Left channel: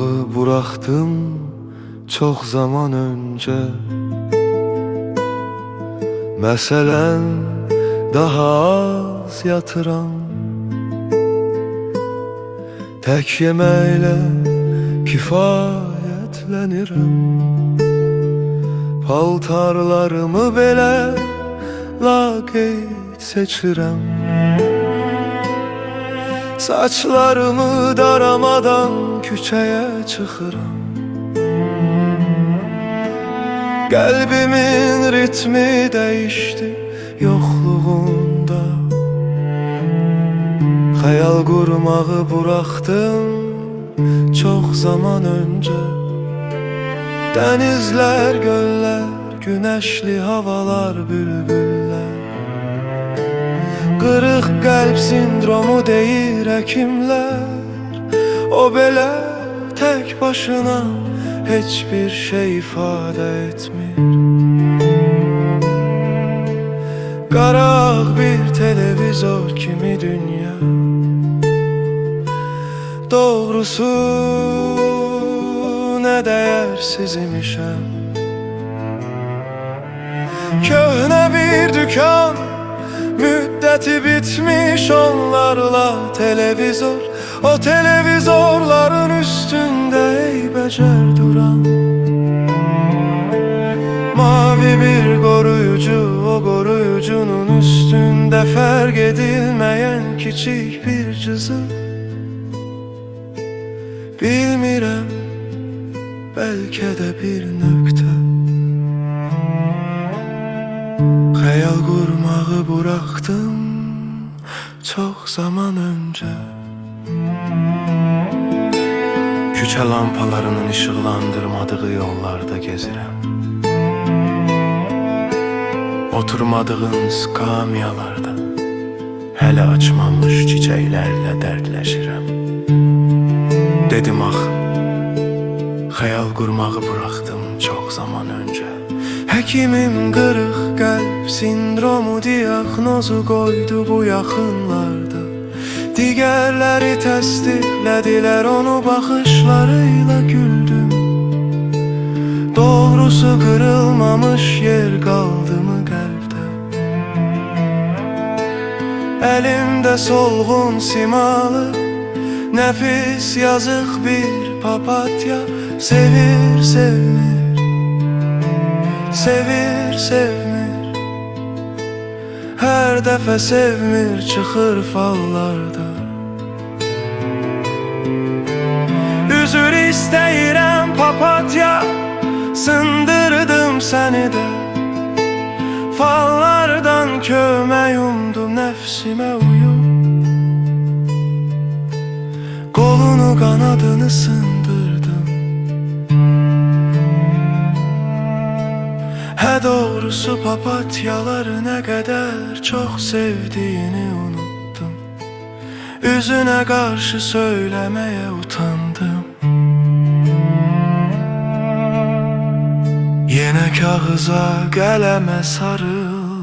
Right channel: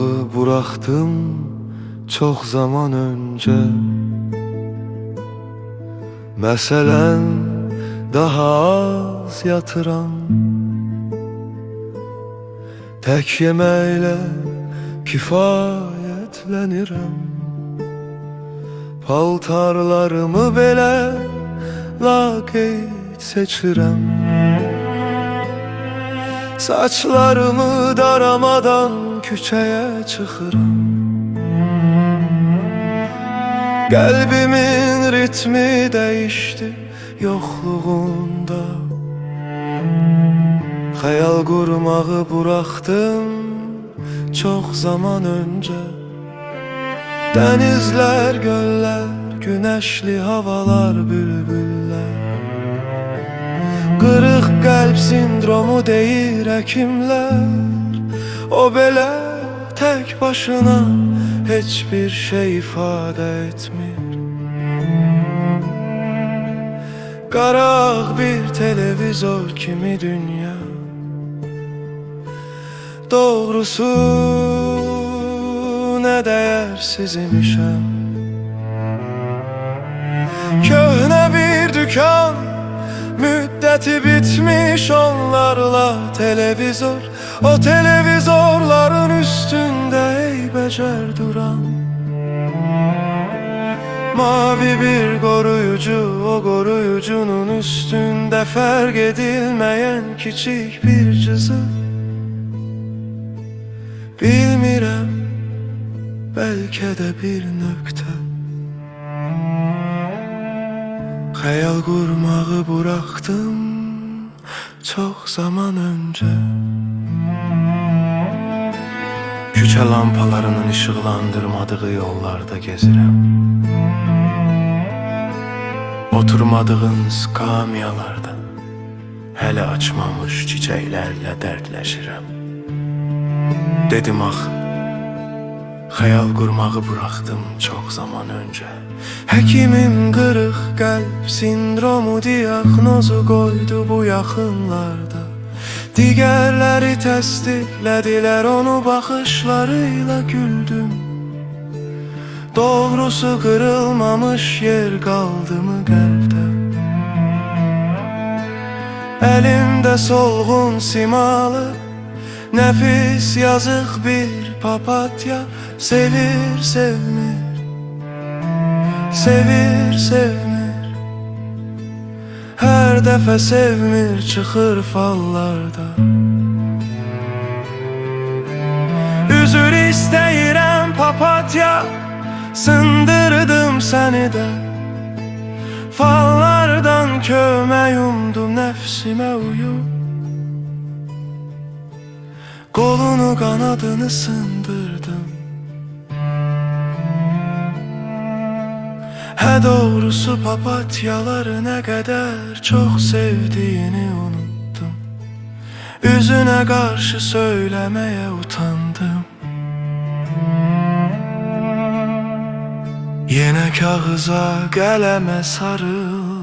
vurmağı bıraktım çok zaman önce. Məsələn daha az yatıram, tək yeməklə kifayətlənirəm. Paltarlarımı belə laqeyd seçirəm. Saçlarımı daramadan küçəyə çıxıram. Qəlbimin ritmi dəyişdi yoxluğunda. Xəyal qurmağı bıraktım çox zaman öncə. Dənizlər, göllər, günəşli havalar, bülbüllər. Qırıq qəlb sindromu deyir həkimlər. O belə tək başına heç bir şey ifadə etmir. Qaraq bir televizor kimi dünya. Doğrusu nə dəyərsiz imişəm. Köhnə bir dükkan, müddəti bitmiş onlarla televizor. O televizorların üstündə eybəcər duran mavi bir koruyucu, o koruyucunun üstündə fərq edilməyən kiçik bir cızı. Bilmirəm, bəlkə də bir nöqtə. Xəyal qurmağı bıraktım çox zaman öncə. Küçə lampalarının işıqlandırmadığı yollarda gezirəm. Oturmadığın skamyalarda hələ açmamış çiçəklərlə dərdləşirəm. Dedim axı, xəyal qurmağı bıraktım çox zaman öncə. Həkimim qırıq qəlb sindromu diaqnozu qoydu bu yaxınlarda. Digərləri təsdiqlədilər onu, baxışlarıyla güldüm. Doğrusu qırılmamış yer qaldımı qəlbdə. Əlimdə solğun simalı nəfis yazıq bir papatya. Sevir sevmir, sevir sevmir. Hər dəfə sevmir çıxır fallarda. Üzür istəyirəm papatya, sındırdım səni də. Fallardan kömək umdum nəfsimə uyub. Kolunu kanadını sındırdım. Hə doğrusu papatyaları nə qədər çox sevdiyini unuttum. Üzünə qarşı söyləməyə utandım. Yenə kağıza, qələmə sarıl.